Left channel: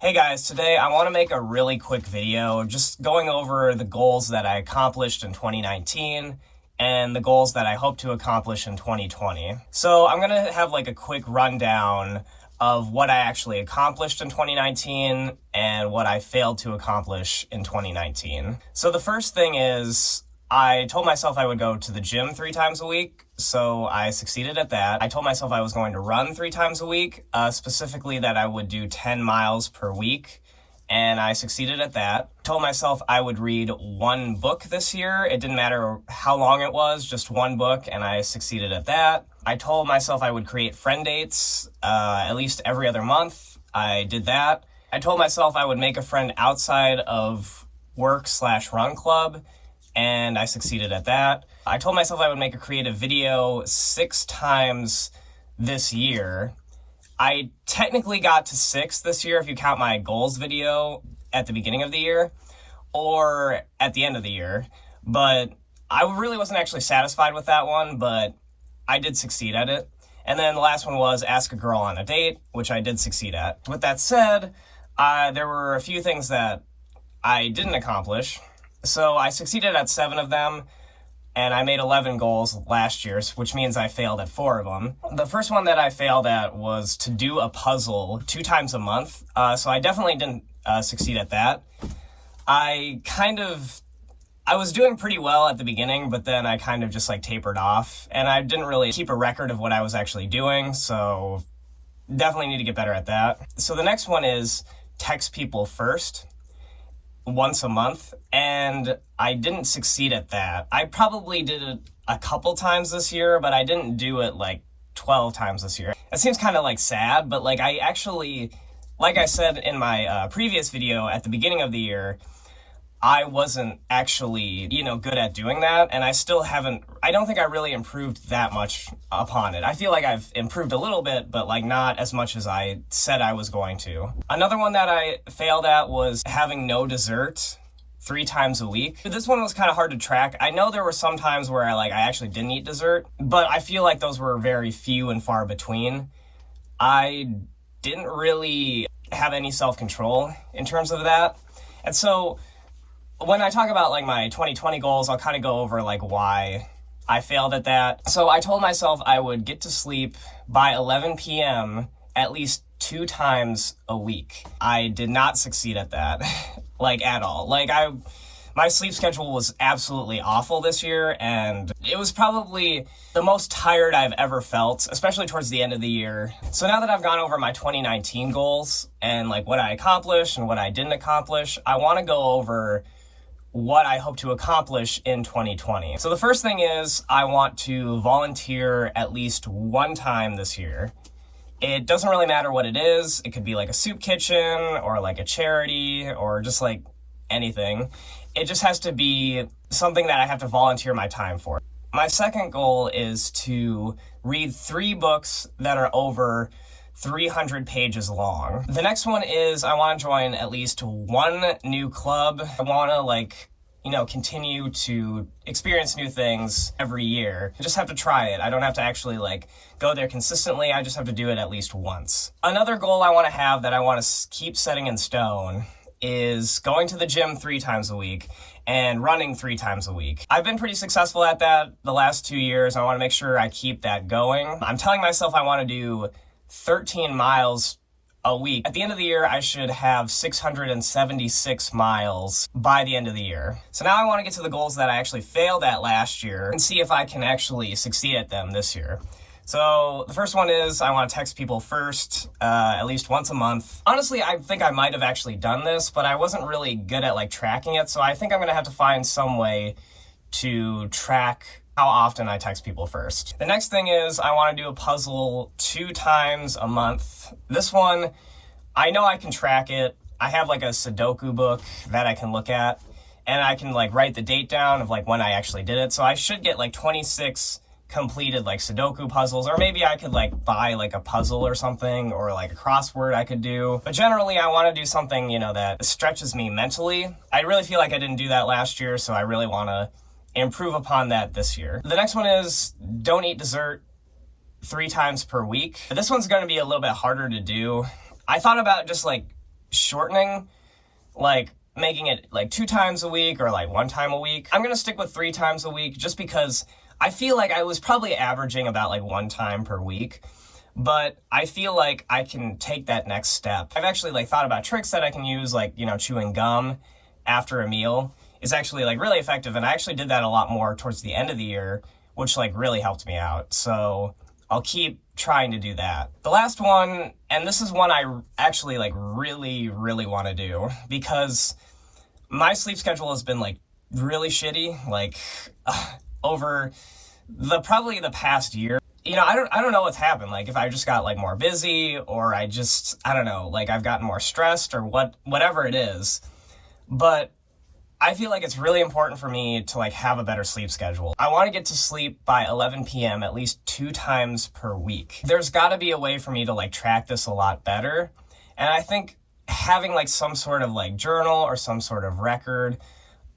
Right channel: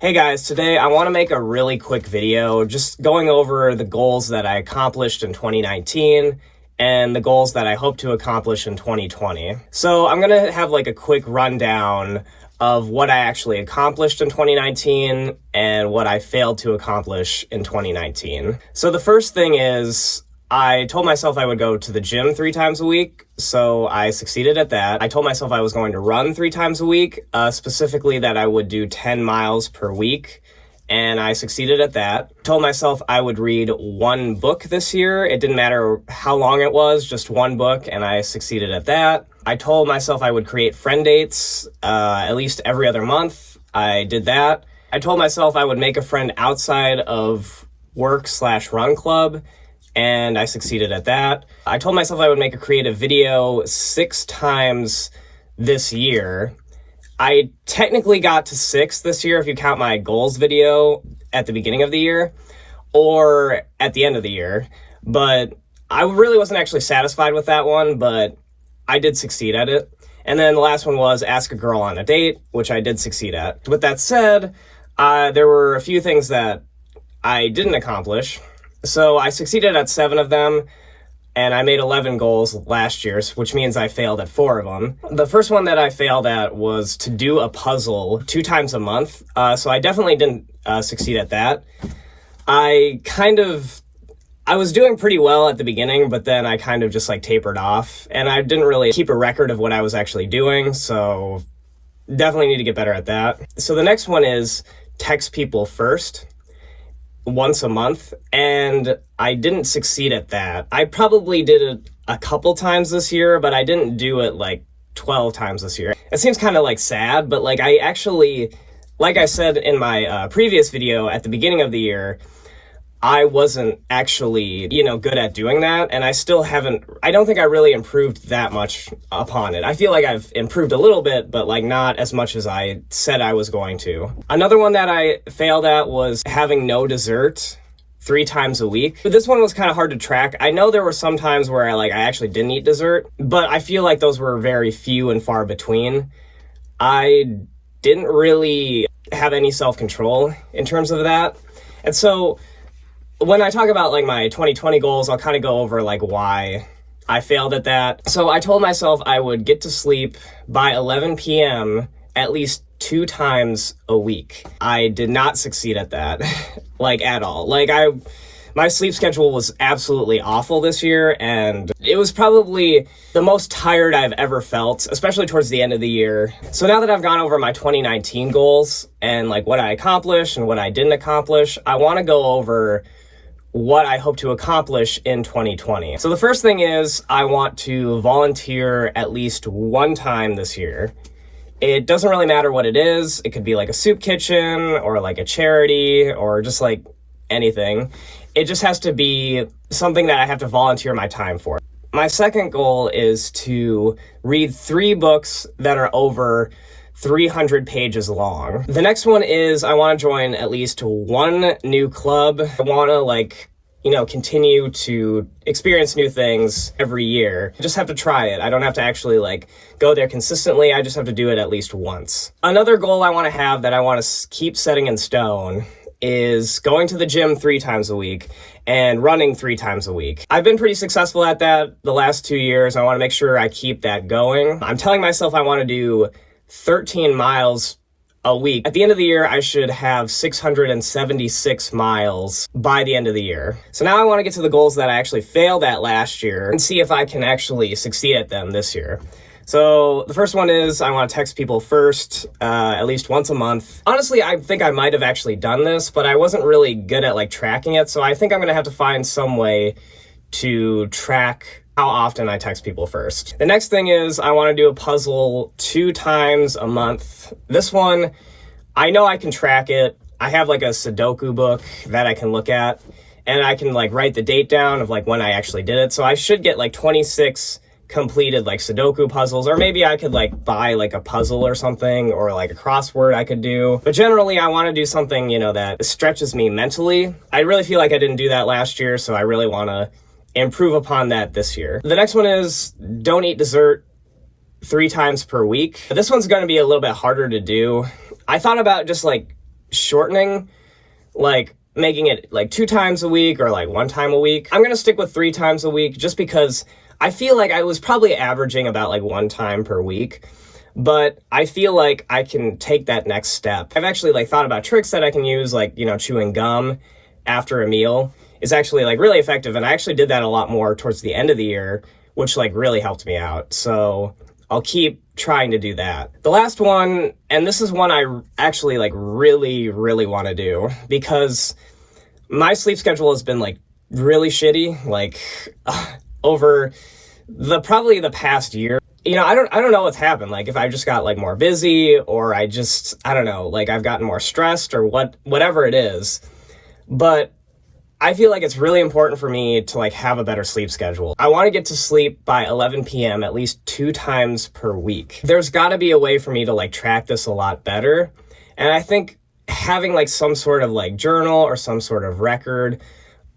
Hey guys, today I want to make a really quick video just going over the goals that I accomplished in 2019 and the goals that I hope to accomplish in 2020. So I'm going to have like a quick rundown of what I actually accomplished in 2019 and what I failed to accomplish in 2019. So the first thing is I told myself I would go to the gym 3 times a week, so I succeeded at that. I told myself I was going to run 3 times a week, specifically that I would do 10 miles per week, and I succeeded at that. I told myself I would read 1 book this year. It didn't matter how long it was, just 1 book, and I succeeded at that. I told myself I would create friend dates at least every other month. I did that. I told myself I would make a friend outside of work/run club, and I succeeded at that. I told myself I would make a creative video 6 times this year. I technically got to 6 this year if you count my goals video at the beginning of the year or at the end of the year, but I really wasn't actually satisfied with that one, but I did succeed at it. And then the last one was ask a girl on a date, which I did succeed at. With that said, there were a few things that I didn't accomplish. So I succeeded at 7 of them, and I made 11 goals last year, which means I failed at 4 of them. The first one that I failed at was to do a puzzle 2 times a month, so I definitely didn't succeed at that. I was doing pretty well at the beginning, but then I kind of just like tapered off, and I didn't really keep a record of what I was actually doing, so definitely need to get better at that. So the next one is text people first once a month, and I didn't succeed at that. I probably did it a couple times this year, but I didn't do it like 12 times this year. It seems kind of like sad, but like I actually, like I said in my previous video at the beginning of the year, I wasn't actually, good at doing that, and I don't think I really improved that much upon it. I feel like I've improved a little bit, but like not as much as I said I was going to. Another one that I failed at was having no dessert 3 times a week. This one was kind of hard to track. I know there were some times where I actually didn't eat dessert, but I feel like those were very few and far between. I didn't really have any self-control in terms of that. And so when I talk about my 2020 goals, I'll kind of go over why I failed at that. So I told myself I would get to sleep by 11 p.m. at least 2 times a week. I did not succeed at that, at all. My sleep schedule was absolutely awful this year, and it was probably the most tired I've ever felt, especially towards the end of the year. So now that I've gone over my 2019 goals and what I accomplished and what I didn't accomplish, I want to go over what I hope to accomplish in 2020. So the first thing is I want to volunteer at least 1 time this year. It doesn't really matter what it is. It could be a soup kitchen or a charity or just anything. It just has to be something that I have to volunteer my time for. My second goal is to read 3 books that are over 300 pages long. The next one is I want to join at least 1 new club. I want to continue to experience new things every year. I just have to try it. I don't have to actually go there consistently. I just have to do it at least once. Another goal I want to have that I want to keep setting in stone is going to the gym 3 times a week and running 3 times a week. I've been pretty successful at that the last 2 years. I want to make sure I keep that going. I'm telling myself I want to do 13 miles a week. At the end of the year, I should have 676 miles by the end of the year. So now I want to get to the goals that I actually failed at last year and see if I can actually succeed at them this year. So the first one is I want to text people first, at least once a month. Honestly, I think I might have actually done this, but I wasn't really good at tracking it. So I think I'm going to have to find some way to track how often I text people first. The next thing is I want to do a puzzle 2 times a month. This one, I know I can track it. I have a Sudoku book that I can look at, and I can write the date down of when I actually did it. So I should get 26 completed Sudoku puzzles, or maybe I could buy a puzzle or something, or a crossword I could do. But generally I want to do something, that stretches me mentally. I really feel like I didn't do that last year, so I really want to improve upon that this year. The next one is don't eat dessert 3 times per week. This one's going to be a little bit harder to do. I thought about just shortening, like making it like 2 times a week or like 1 time a week. I'm gonna stick with 3 times a week just because I feel like I was probably averaging about like 1 time per week, but I feel like I can take that next step. I've actually like thought about tricks that I can use, like, you know, chewing gum after a meal is actually like really effective. And I actually did that a lot more towards the end of the year, which like really helped me out. So I'll keep trying to do that. The last one, and this is one I actually like really want to do because my sleep schedule has been like really shitty, like over probably the past year. You know, I don't know what's happened. Like if I just got like more busy, or I don't know, like I've gotten more stressed, or whatever it is. But I feel like it's really important for me to like have a better sleep schedule. I want to get to sleep by 11 p.m. at least 2 times per week. There's got to be a way for me to like track this a lot better. And I think having like some sort of like journal or some sort of record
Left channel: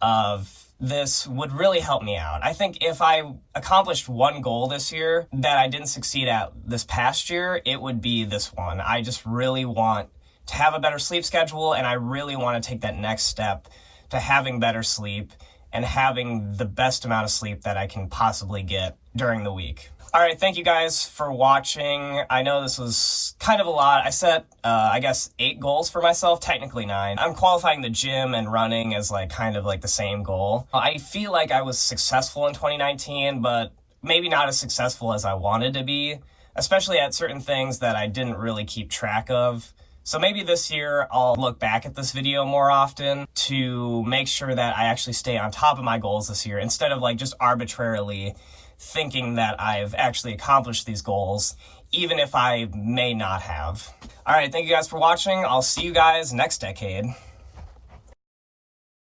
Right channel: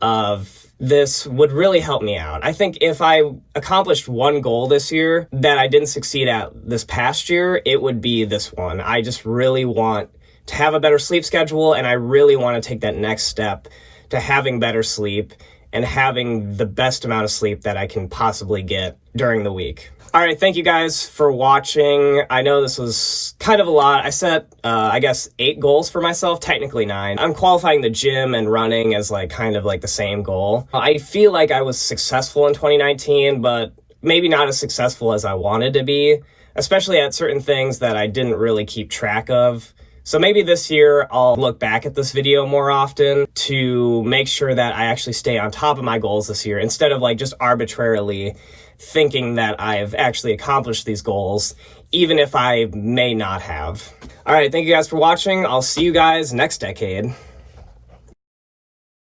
of this would really help me out. I think if I accomplished one goal this year that I didn't succeed at this past year, it would be this one. I just really want to have a better sleep schedule, and I really want to take that next step to having better sleep and having the best amount of sleep that I can possibly get during the week. All right, thank you guys for watching. I know this was kind of a lot. I set, I guess, 8 goals for myself, technically 9. I'm qualifying the gym and running as like kind of like the same goal. I feel like I was successful in 2019, but maybe not as successful as I wanted to be, especially at certain things that I didn't really keep track of. So maybe this year I'll look back at this video more often to make sure that I actually stay on top of my goals this year, instead of like just arbitrarily thinking that I've actually accomplished these goals, even if I may not have. All right, thank you guys for watching. I'll see you guys next decade.